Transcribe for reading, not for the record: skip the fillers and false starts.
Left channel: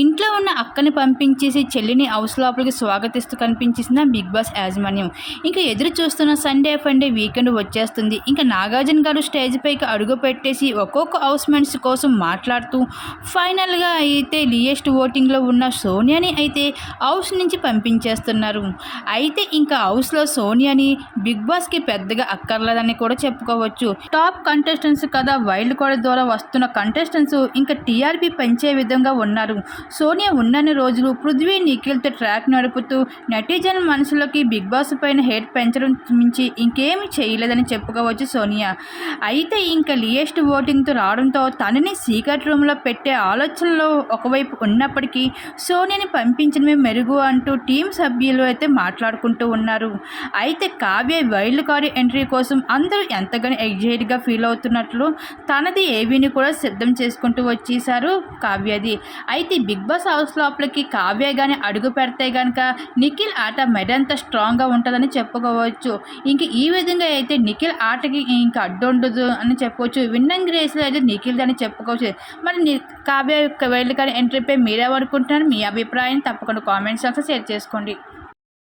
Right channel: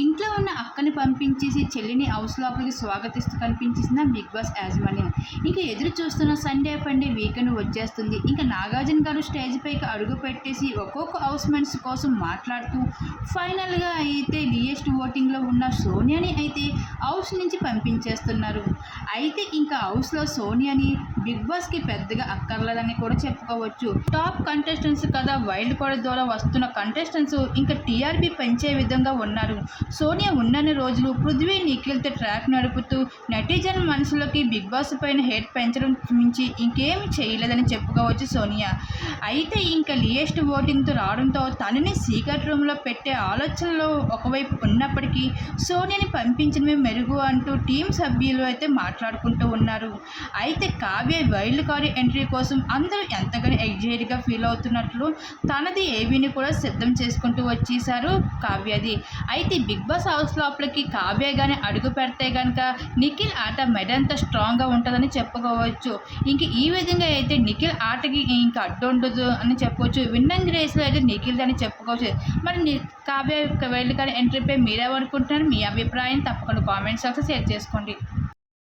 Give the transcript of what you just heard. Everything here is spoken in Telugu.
ఇంట్లో ఉన్న అక్కని పంపించేసి చెల్లిని హౌస్ లోపలికి స్వాగతిస్తూ కనిపించేసిన బిగ్ బాస్ యాజమాన్యం. ఇంకా ఎదురు చూస్తున్న సండే ఫండే వీకెండ్ వచ్చేస్తుంది. ఇంకా నాగార్జున గారు స్టేజ్ పైకి అడుగు పెట్టేసి ఒక్కొక్క హౌస్ మెంట్స్ కోసం మాట్లాడుతూ ఫైనల్గా అయితే లియెస్ట్ ఓటింగ్లో ఉన్న సోనియాని అయితే హౌస్ నుంచి పంపించేస్తున్నారు. అయితే ఇంకా హౌస్లో సోనియాని బిగ్ బాస్కి పెద్దగా అక్కర్లేదని కూడా చెప్పుకోవచ్చు. టాప్ కంటెస్టెంట్స్ కదా, వైల్డ్ కార్డ్ ద్వారా వస్తున్న కంటెస్టెంట్స్ ఇంకా టీఆర్పీ పెంచే విధంగా ఉన్నారు. సోనియా ఉన్నన్ని రోజులు పృథ్వీ, నిఖిల్తో ట్రాక్ నడుపుతూ నెటిజన్ మనసులోకి బిగ్ బాస్ పైన హేట్ పెంచడం మించి ఇంకేమీ చేయలేదని చెప్పుకోవచ్చు సోనియా. అయితే ఇంకా లియెస్ట్ ఓటింగ్తో రావడంతో తనని సీక్రెట్ రూమ్లో పెట్టే ఆలోచనలో ఒకవైపు ఉన్నప్పటికీ సోనియాని పంపించడమే మెరుగు అంటూ టీం సభ్యులు అయితే మాట్లాడుకుంటూ ఉన్నారు. అయితే కావ్య వైల్డ్ కార్డ్ ఎంట్రీ కోసం అందరూ ఎంతగానో ఎగ్జైట్గా ఫీల్ అవుతున్నట్లు తనది ఏవీని కూడా సిద్ధం చేసుకుంటూ వచ్చేసారు కావ్యది. అయితే బిగ్ బాస్ హౌస్ లోపలికి కావ్య కానీ అడుగు పెడితే కనుక నిఖిల్ ఆట మెడంత స్ట్రాంగ్గా ఉంటుందని చెప్పుకోవచ్చు. ఇంక ఈ విధంగా అయితే నిఖిల్ ఆటకి ఇంకా అడ్డుండదు అని చెప్పవచ్చు. విన్నింగ్ రేస్లో అయితే నిఖిల్ అని చెప్పుకోవచ్చు. మరి కావ్య వైల్డ్ కార్డ్ ఎంట్రీపై మీరేమనుకుంటున్నారు? మీ అభిప్రాయం తప్పకుండా కామెంట్స్ బాక్స్లో షేర్ చేసుకోండి.